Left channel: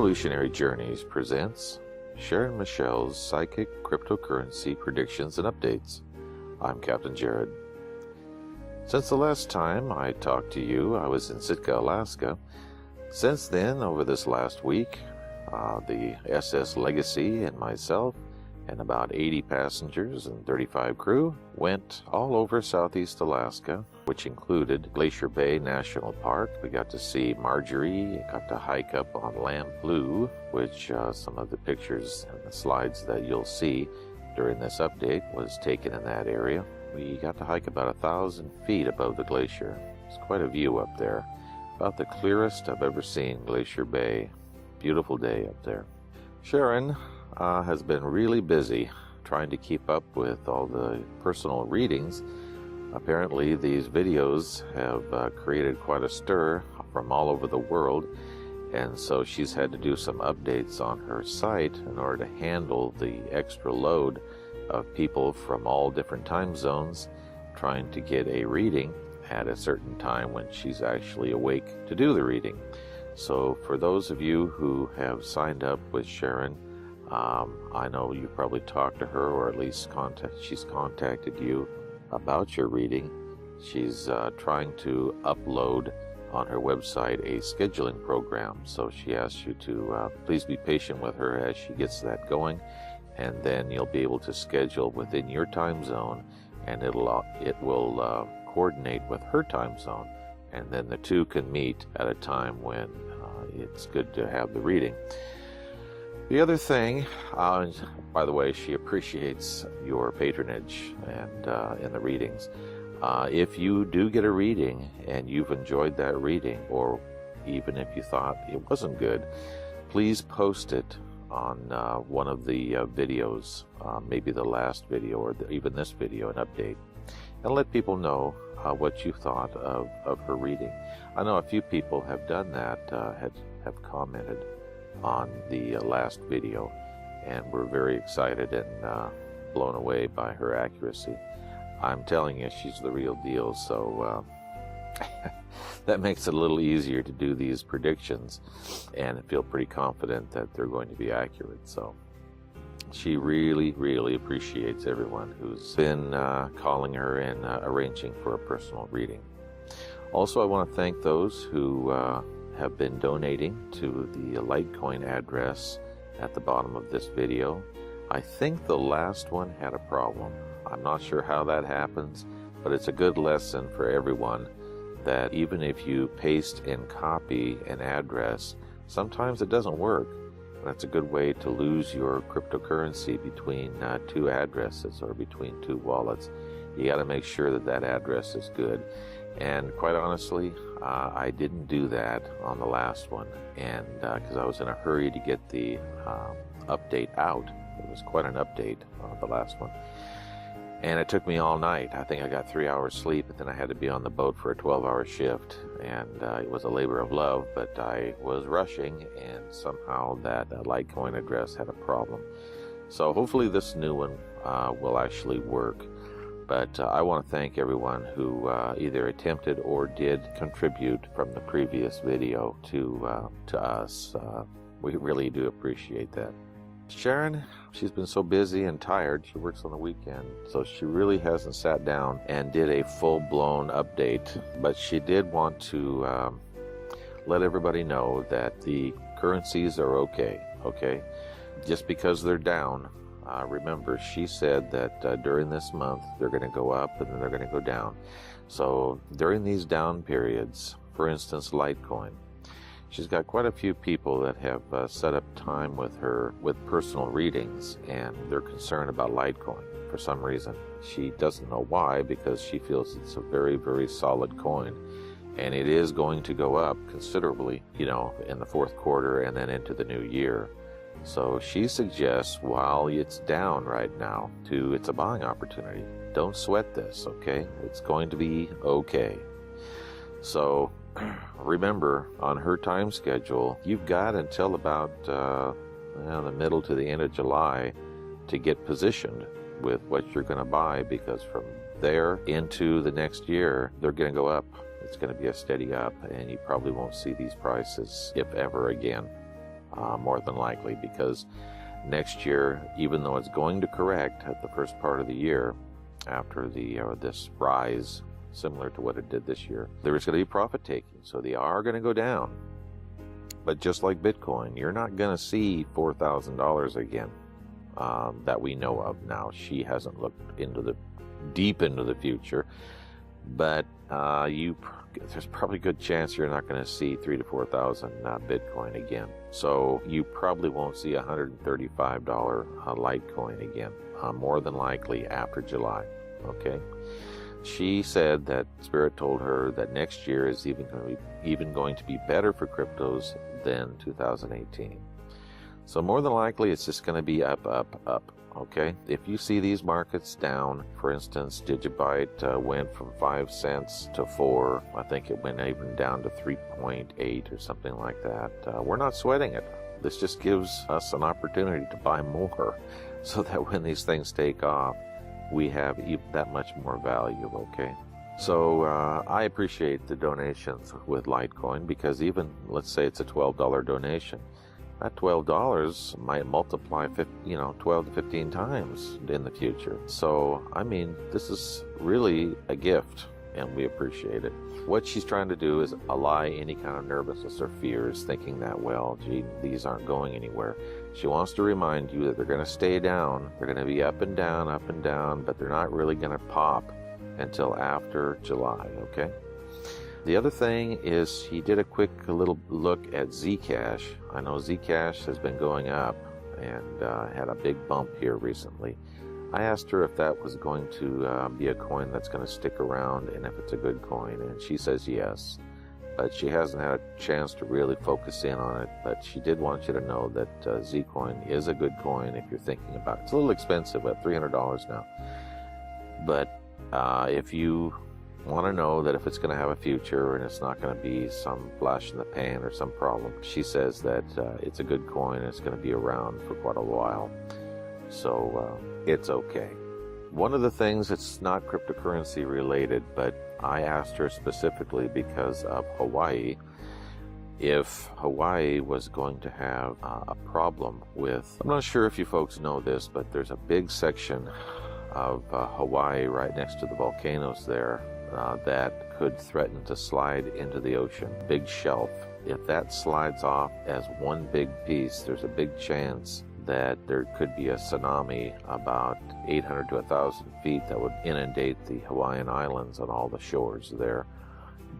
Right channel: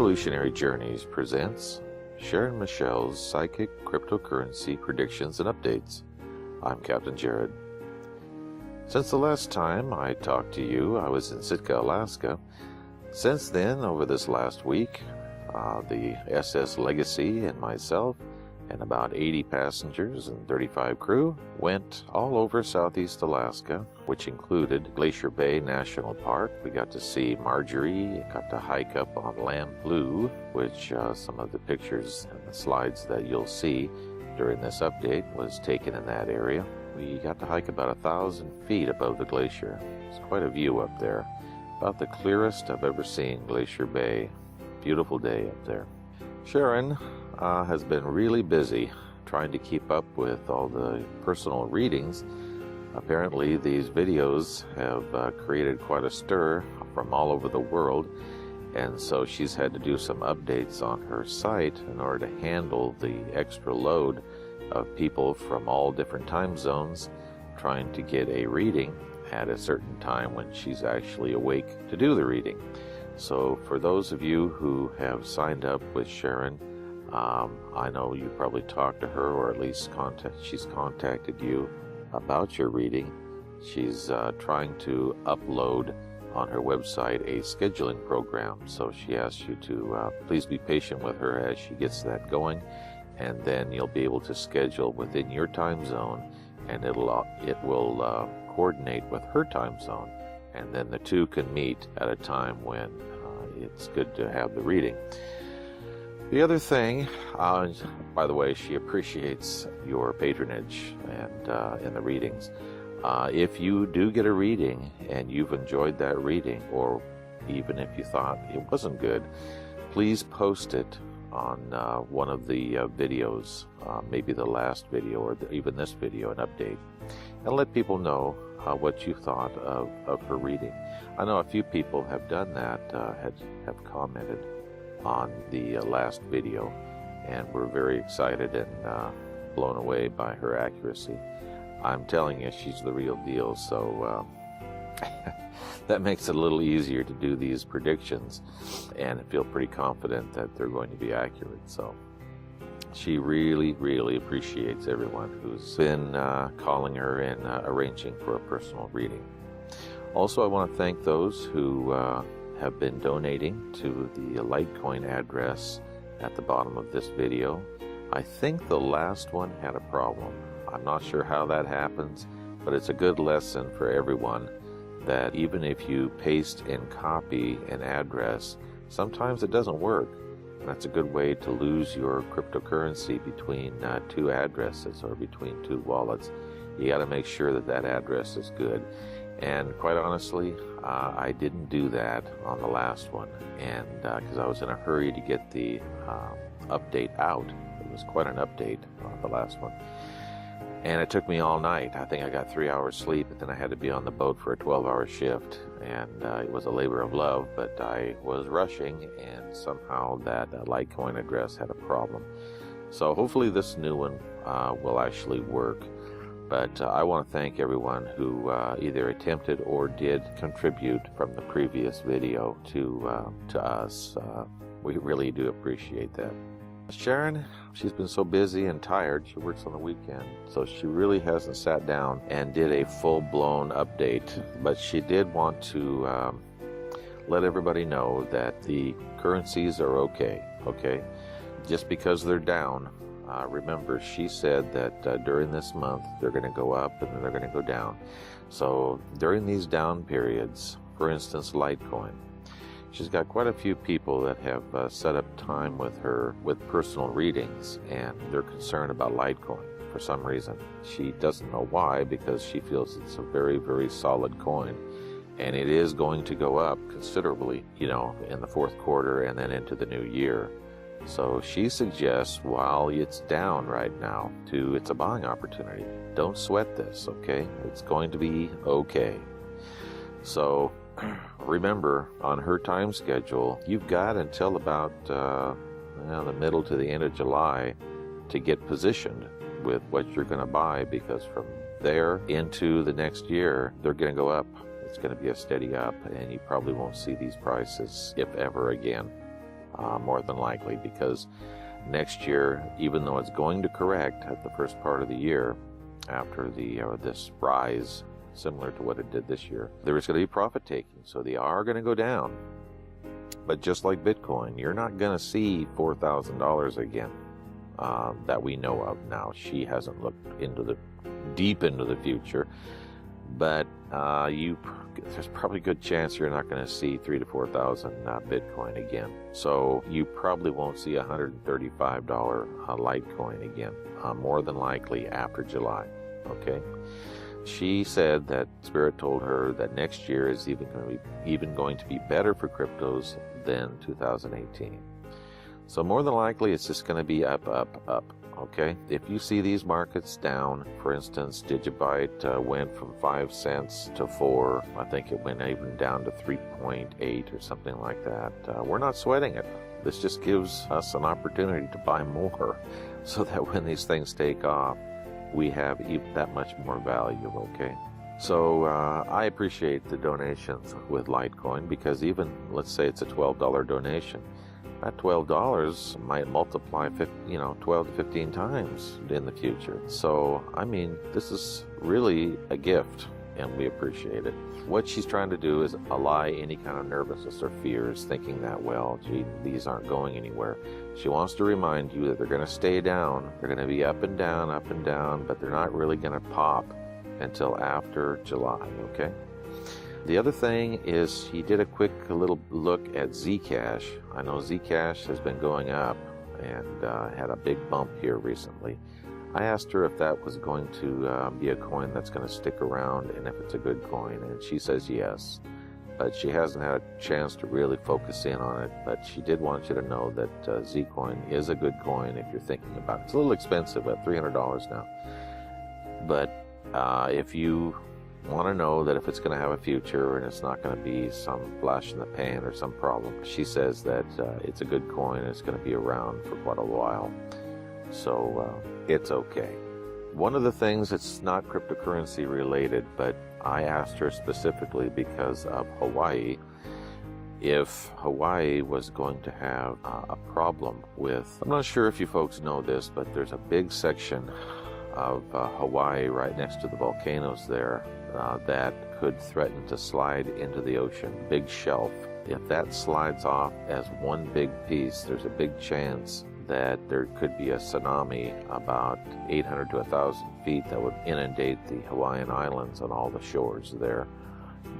Evolutionary Journeys presents Sharon Michelle's Psychic Cryptocurrency Predictions and Updates. I'm Captain Jared. Since the last time I talked to you, I was in Sitka, Alaska. Since then, over this last week, the SS Legacy and myself and about 80 passengers and 35 crew went all over Southeast Alaska, which included Glacier Bay National Park. We got to see Marjorie, got to hike up on Lamb Blue, which some of the pictures and the slides that you'll see during this update was taken in that area. We got to hike about 1,000 feet above the glacier. It's quite a view up there. About the clearest I've ever seen Glacier Bay. Beautiful day up there. Sharon has been really busy trying to keep up with all the personal readings. Apparently these videos have created quite a stir from all over the world, and so she's had to do some updates on her site in order to handle the extra load of people from all different time zones trying to get a reading at a certain time when she's actually awake to do the reading. So for those of you who have signed up with Sharon, I know you probably talked to her, or at least she's contacted you about your reading. She's trying to upload on her website a scheduling program. So she asks you to please be patient with her as she gets that going, and then you'll be able to schedule within your time zone, and it will coordinate with her time zone, and then the two can meet at a time when it's good to have the reading. The other thing, by the way, she appreciates your patronage and the readings. If you do get a reading and you've enjoyed that reading, or even if you thought it wasn't good, please post it on one of the videos, maybe the last video or even this video, an update, and let people know what you thought of her reading. I know a few people have done that, have commented on the last video, and we're very excited and blown away by her accuracy. I'm telling you, she's the real deal, so that makes it a little easier to do these predictions and feel pretty confident that they're going to be accurate. So she really, really appreciates everyone who's been calling her and arranging for a personal reading. Also, I want to thank those who have been donating to the Litecoin address at the bottom of this video. I think the last one had a problem. I'm not sure how that happens, but it's a good lesson for everyone that even if you paste and copy an address, sometimes it doesn't work. That's a good way to lose your cryptocurrency between two addresses or between two wallets. You got to make sure that that address is good. And quite honestly, I didn't do that on the last one, and because I was in a hurry to get the update out. It was quite an update on the last one. And it took me all night. I think I got 3 hours sleep, and then I had to be on the boat for a 12-hour shift. And it was a labor of love, but I was rushing, and somehow that Litecoin address had a problem. So hopefully this new one will actually work. But I want to thank everyone who either attempted or did contribute from the previous video to us. We really do appreciate that. Sharon, she's been so busy and tired. She works on the weekend, so she really hasn't sat down and did a full-blown update. But she did want to let everybody know that the currencies are okay. Just because they're down, remember, she said that during this month they're going to go up and then they're going to go down. So during these down periods, for instance, Litecoin, she's got quite a few people that have set up time with her with personal readings, and they're concerned about Litecoin for some reason. She doesn't know why, because she feels it's a very, very solid coin, and it is going to go up considerably, in the fourth quarter and then into the new year. So she suggests, while it's down right now, it's a buying opportunity. Don't sweat this, okay? It's going to be okay. So remember, on her time schedule, you've got until about the middle to the end of July to get positioned with what you're going to buy, because from there into the next year, they're going to go up. It's going to be a steady up, and you probably won't see these prices, if ever, again. more than likely, because next year, even though it's going to correct at the first part of the year, after this rise, similar to what it did this year, there's going to be profit taking. So they are going to go down. But just like Bitcoin, you're not going to see $4,000 again that we know of now. She hasn't looked deep into the future, but there's probably a good chance you're not going to see 3,000 to 4,000 Bitcoin again. So you probably won't see $135 Litecoin again, more than likely after July. Okay. She said that Spirit told her that next year is even going to be better for cryptos than 2018. So more than likely, it's just going to be up, up, up. Okay. If you see these markets down, for instance, Digibyte went from 5 cents to 4. I think it went even down to 3.8 or something like that. We're not sweating it. This just gives us an opportunity to buy more, so that when these things take off, we have that much more value, okay? So I appreciate the donations with Litecoin, because even, let's say it's a $12 donation, that $12 might multiply 12 to 15 times in the future. So, I mean, this is really a gift, and we appreciate it. What she's trying to do is allay any kind of nervousness or fears, thinking that, well, gee, these aren't going anywhere. She wants to remind you that they're going to stay down. They're going to be up and down, but they're not really going to pop until after July, okay? The other thing is, he did a quick little look at Zcash. I know Zcash has been going up and had a big bump here recently. I asked her if that was going to be a coin that's going to stick around and if it's a good coin, and she says yes. But she hasn't had a chance to really focus in on it. But she did want you to know that Zcoin is a good coin if you're thinking about it. It's a little expensive at $300 now. But if you want to know that if it's going to have a future and it's not going to be some flash in the pan or some problem, she says that it's a good coin. It's going to be around for quite a while. So it's okay. One of the things, it's not cryptocurrency related, but I asked her specifically because of Hawaii, if Hawaii was going to have a problem with, I'm not sure if you folks know this, but there's a big section of Hawaii right next to the volcanoes there that could threaten to slide into the ocean. Big shelf. If that slides off as one big piece, there's a big chance that there could be a tsunami about 800 to 1,000 feet that would inundate the Hawaiian Islands and all the shores there,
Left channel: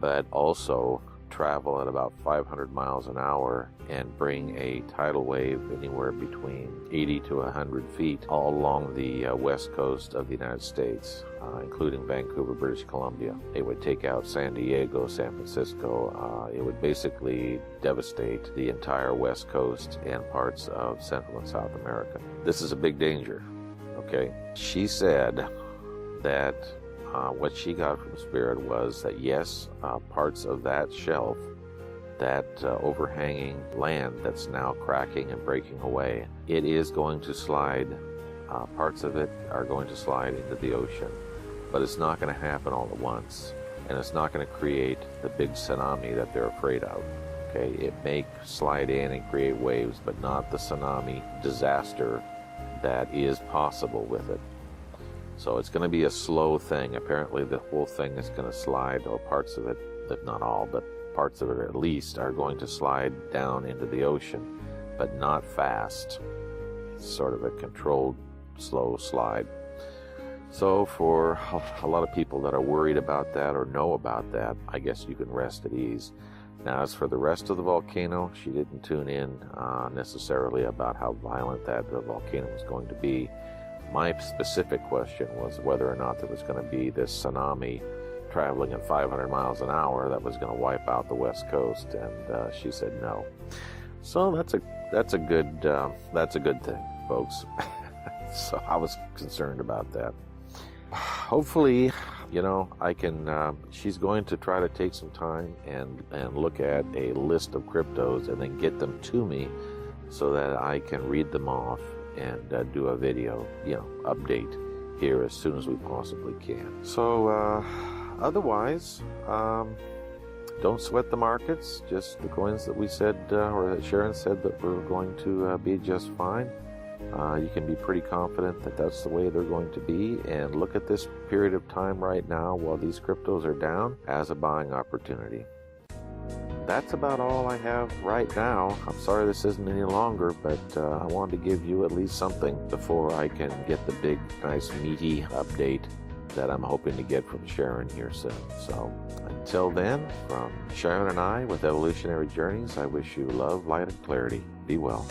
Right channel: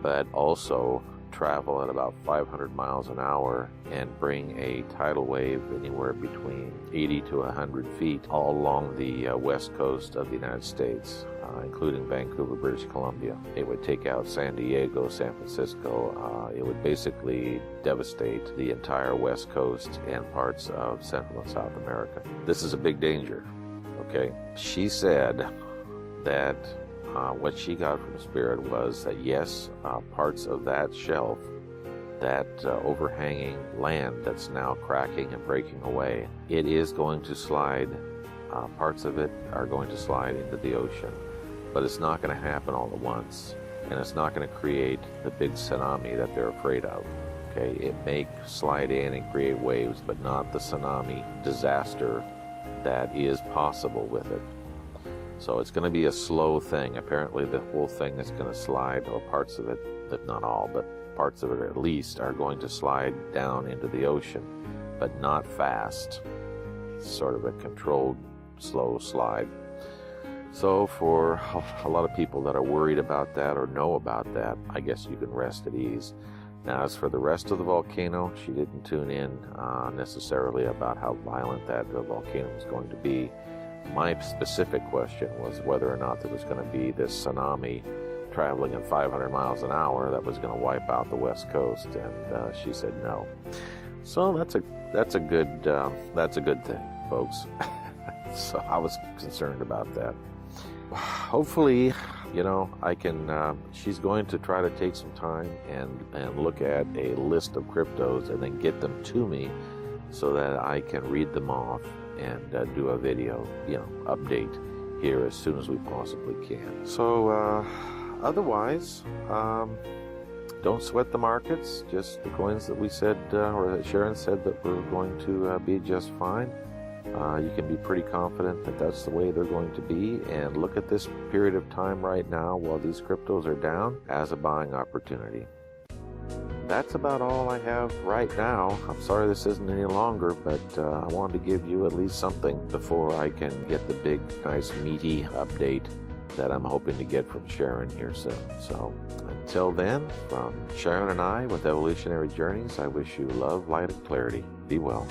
but also travel at about 500 miles an hour and bring a tidal wave anywhere between 80 to 100 feet all along the west coast of the United States, including Vancouver, British Columbia. It would take out San Diego, San Francisco. It would basically devastate the entire west coast and parts of Central and South America. This is a big danger, okay? She said that what she got from Spirit was that yes, parts of that shelf, that overhanging land that's now cracking and breaking away, it is going to slide. Parts of it are going to slide into the ocean, but it's not going to happen all at once, and it's not going to create the big tsunami that they're afraid of. Okay, it may slide in and create waves, but not the tsunami disaster that is possible with it. So it's going to be a slow thing. Apparently the whole thing is going to slide, or parts of it, not all, but parts of it at least, are going to slide down into the ocean, but not fast. It's sort of a controlled, slow slide. So for a lot of people that are worried about that or know about that, I guess you can rest at ease. Now, as for the rest of the volcano, she didn't tune in necessarily about how violent that the volcano was going to be. My specific question was whether or not there was going to be this tsunami traveling at 500 miles an hour that was going to wipe out the west coast, and she said no. So that's a good thing, folks. So I was concerned about that. Hopefully, I can. She's going to try to take some time and look at a list of cryptos and then get them to me so that I can read them off and do a video, update here as soon as we possibly can. So, otherwise, don't sweat the markets. Just the coins that we said, or that Sharon said, that we're going to be just fine. You can be pretty confident that that's the way they're going to be. And look at this period of time right now while these cryptos are down as a buying opportunity. That's about all I have right now. I'm sorry this isn't any longer, but I wanted to give you at least something before I can get the big, nice, meaty update that I'm hoping to get from Sharon here soon. So until then, from Sharon and I with Evolutionary Journeys, I wish you love, light, and clarity. Be well.